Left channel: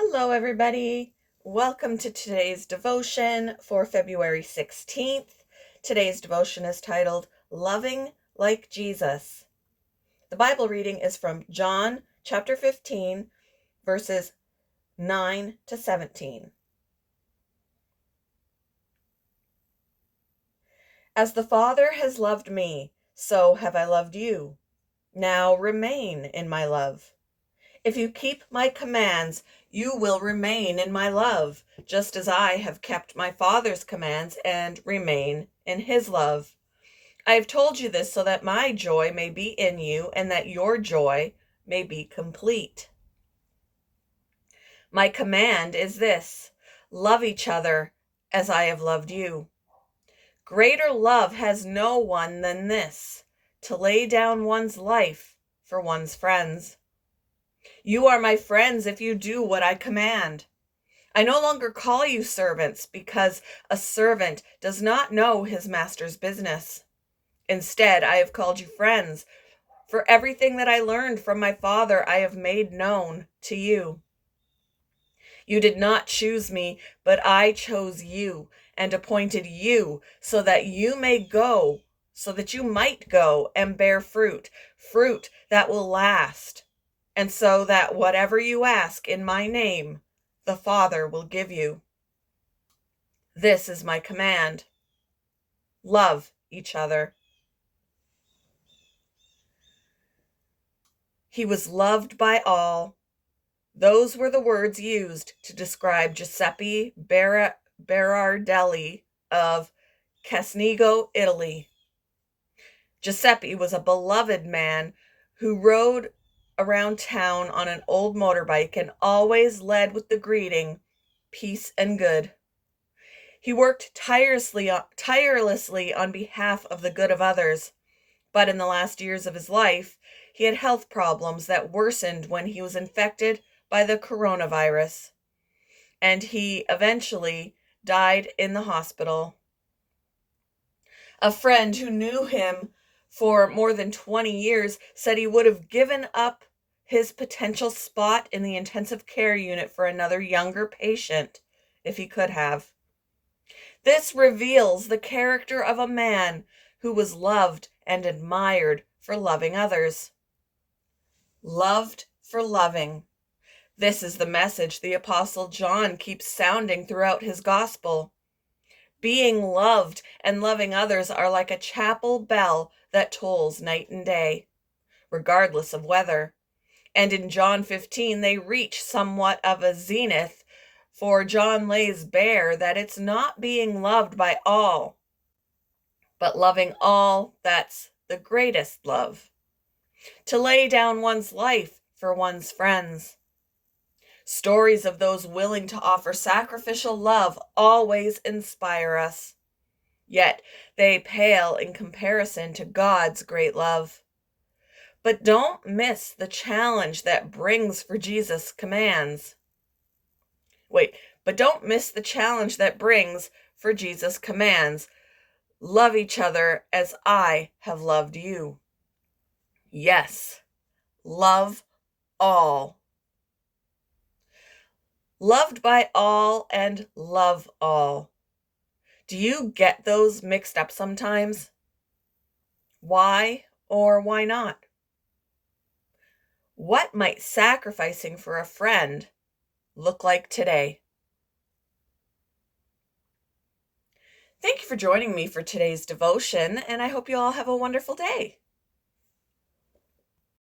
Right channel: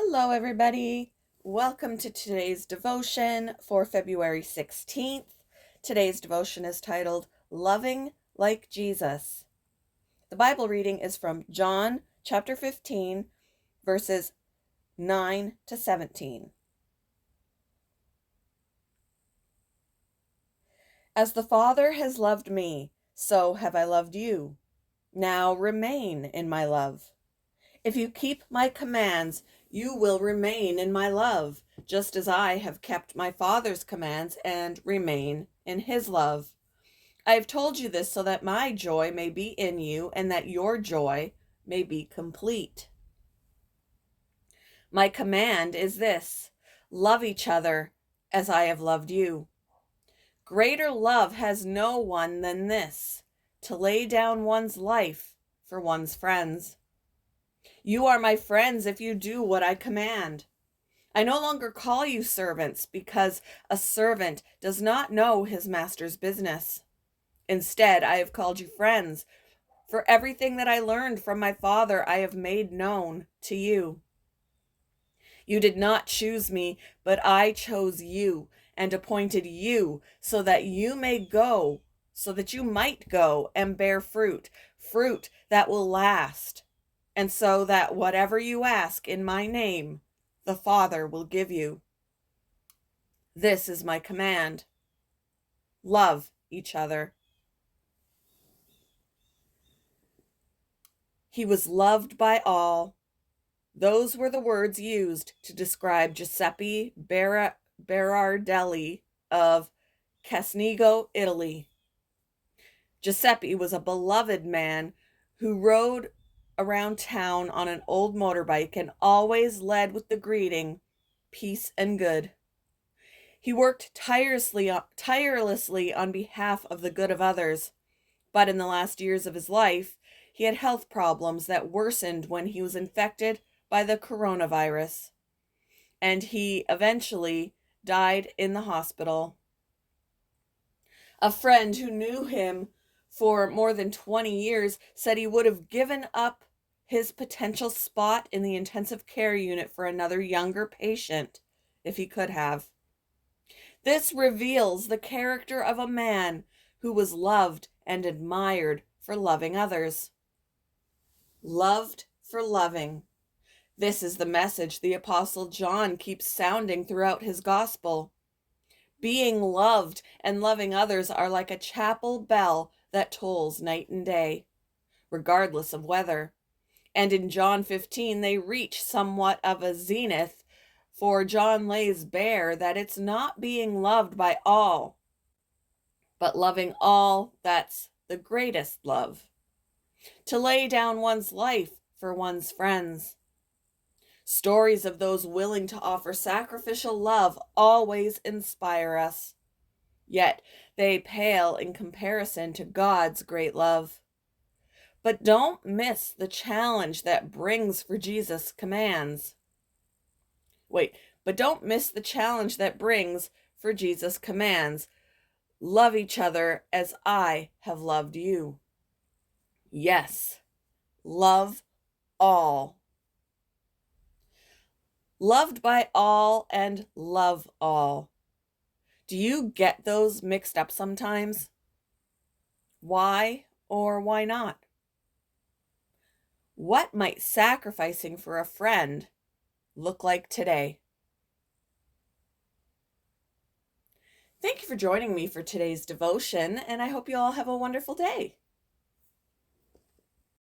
Hello, everybody. Welcome to today's devotion for February 16th. Today's devotion is titled Loving Like Jesus. The Bible reading is from John chapter 15, verses 9 to 17. As the Father has loved me, so have I loved you. Now remain in my love. If you keep my commands, you will remain in my love, just as I have kept my Father's commands and remain in his love. I have told you this so that my joy may be in you and that your joy may be complete. My command is this: love each other as I have loved you. Greater love has no one than this, to lay down one's life for one's friends. You are my friends if you do what I command. I no longer call you servants, because a servant does not know his master's business. Instead, I have called you friends, for everything that I learned from my Father I have made known to you. You did not choose me, but I chose you and appointed you so that you might go and bear fruit, fruit that will last, and so that whatever you ask in my name, the Father will give you. This is my command: love each other. He was loved by all. Those were the words used to describe Giuseppe Berardelli of Casnigo, Italy. Giuseppe was a beloved man who rode around town on an old motorbike and always led with the greeting, "Peace and good." He worked tirelessly on behalf of the good of others, but in the last years of his life, he had health problems that worsened when he was infected by the coronavirus, and he eventually died in the hospital. A friend who knew him for more than 20 years said he would have given up his potential spot in the intensive care unit for another younger patient if he could have. This reveals the character of a man who was loved and admired for loving others. Loved for loving. This is the message the Apostle John keeps sounding throughout his gospel. Being loved and loving others are like a chapel bell that tolls night and day, regardless of weather. And in John 15, they reach somewhat of a zenith, for John lays bare that it's not being loved by all, but loving all that's the greatest love. To lay down one's life for one's friends. Stories of those willing to offer sacrificial love always inspire us. Yet they pale in comparison to God's great love. But don't miss the challenge that brings for Jesus' commands. Don't miss the challenge that brings for Jesus' commands. Love each other as I have loved you. Yes, love all. Loved by all and love all. Do you get those mixed up sometimes? Why or why not? What might sacrificing for a friend look like today? Thank you for joining me for today's devotion, and I hope you all have a wonderful day.